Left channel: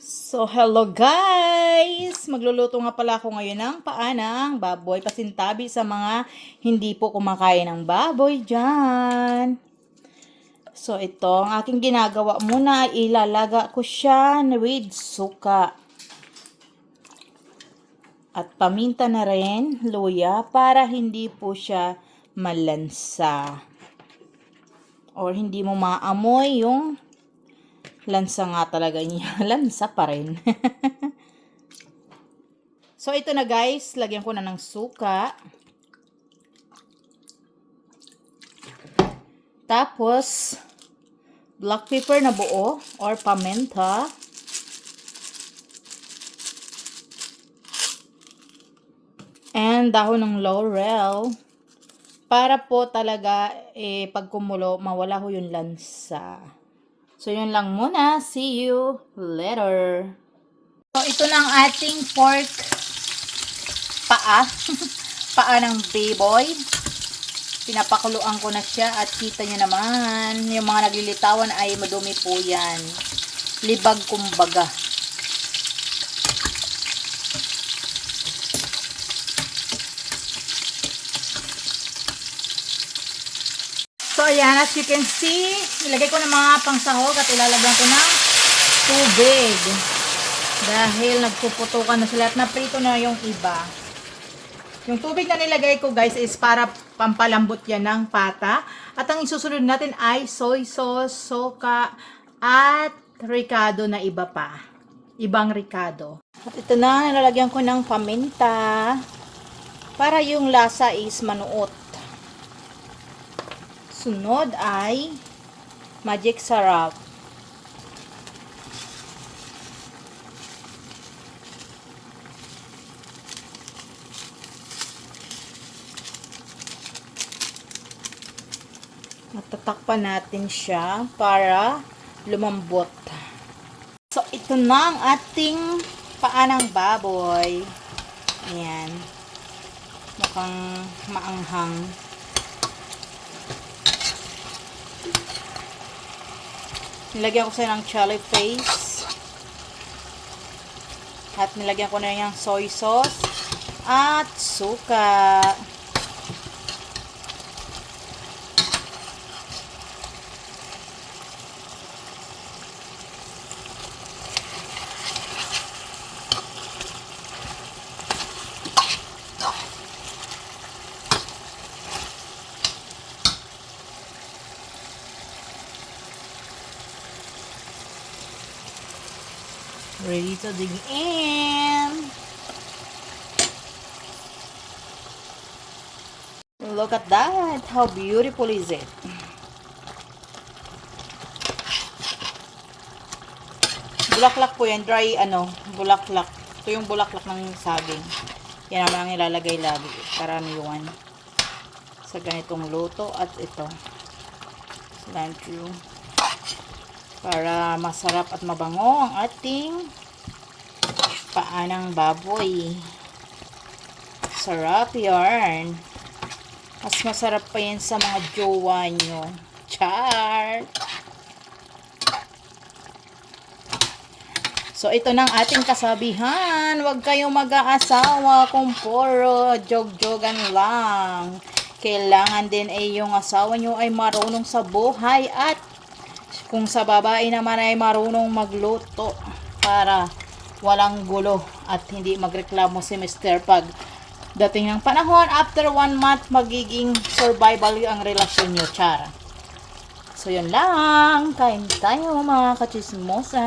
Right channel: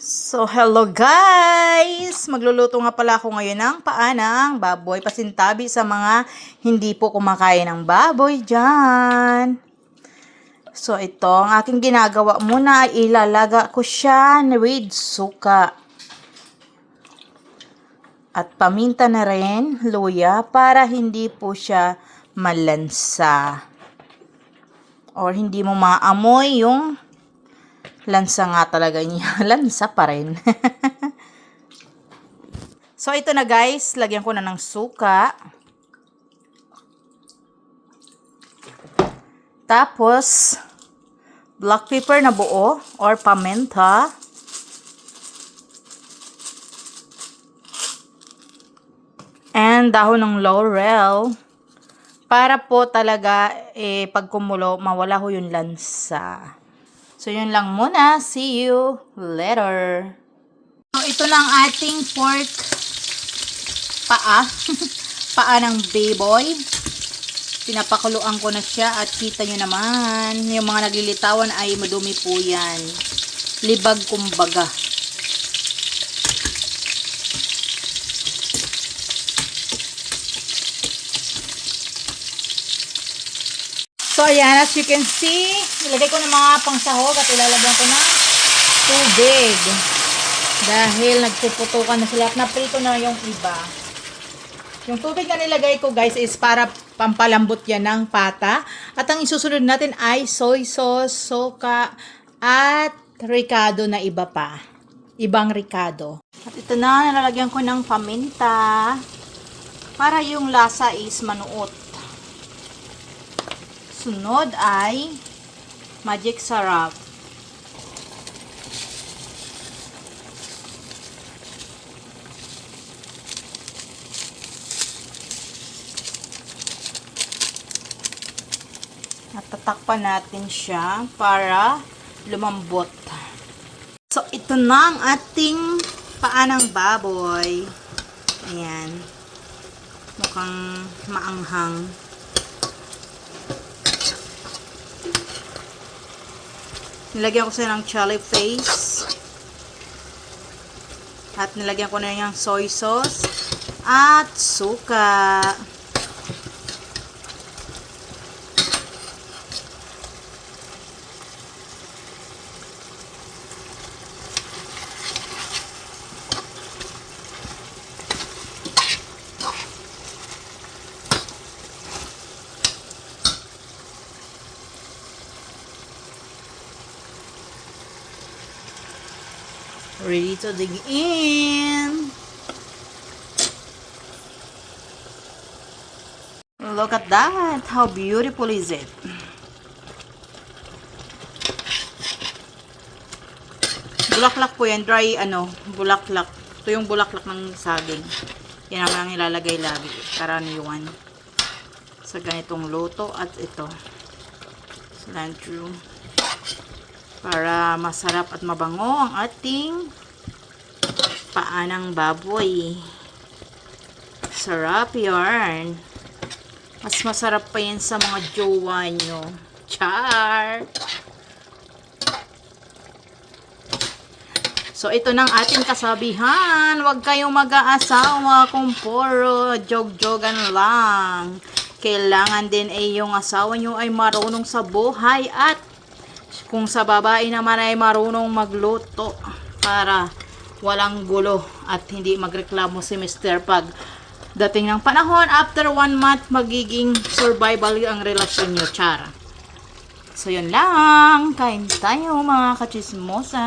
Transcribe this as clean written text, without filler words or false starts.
So, hello guys! Magluluto nga pala ako ngayon ng paa ng baboy. Pasintabi sa mga hindi po kumakain ng baboy dyan. So, ito, ang aking ginagawa muna, ilalaga ko siya with suka. At paminta na rin, luya, para hindi po siya malansa. Or hindi mo maamoy yung lansa nga talaga niya. Lansa pa rin. So, ito na guys. Lagyan ko na ng suka. Tapos, black pepper na buo or paminta. And dahon ng laurel. Para po talaga, pag kumulo, mawala ho yung lansa. So, yun lang muna. See you later. So, ito na ang ating pork paa. Paa ng baboy. Pinapakuluan ko na siya at kita nyo naman, yung mga naglilitawan ay madumi po yan. Libag kumbaga. So, ayan, as you can see, nilagay ko ng mga pangsahog at ilalagyan ko ng tubig. Dahil nagpuputukan na sila at naprito na yung iba. Yung tubig na nilagay ko guys is para pampalambot yan ng pata. At ang isusunod natin ay soy sauce, soka, at ricado na iba pa. Ibang ricado. At ito na, nalalagyan ko ng paminta para yung lasa is manuot. Sunod ay magic sarap. At tatakpan natin siya para lumambot. So, ito na ang ating paa ng baboy. Ayan. Mukhang maanghang. Nilagyan ko siya ng chili paste. At nilagyan ko na yung soy sauce. At suka. Ready to dig in. Look at that. How beautiful is it? Bulaklak po yan. Dry, bulaklak. Ito yung bulaklak ng saging. Yan naman ang ilalagay lagi. Karaniwan. Sa ganitong luto. At ito. Cilantro. Para masarap at mabango ang ating paa ng baboy. Sarap yarn. Mas masarap pa yan sa mga jowa nyo. Char! So, ito na ang ating kasabihan. Huwag kayong mag-aasawa kung puro jog-jogan lang. Kailangan din ay yung asawa nyo ay marunong sa buhay at kung sa babae naman ay marunong magluto para walang gulo at hindi magreklamo si Mr. pag dating ng panahon, after 1 month, magiging survival ang relasyon nyo, chara. So, yun lang. Kain tayo mga kachismosa.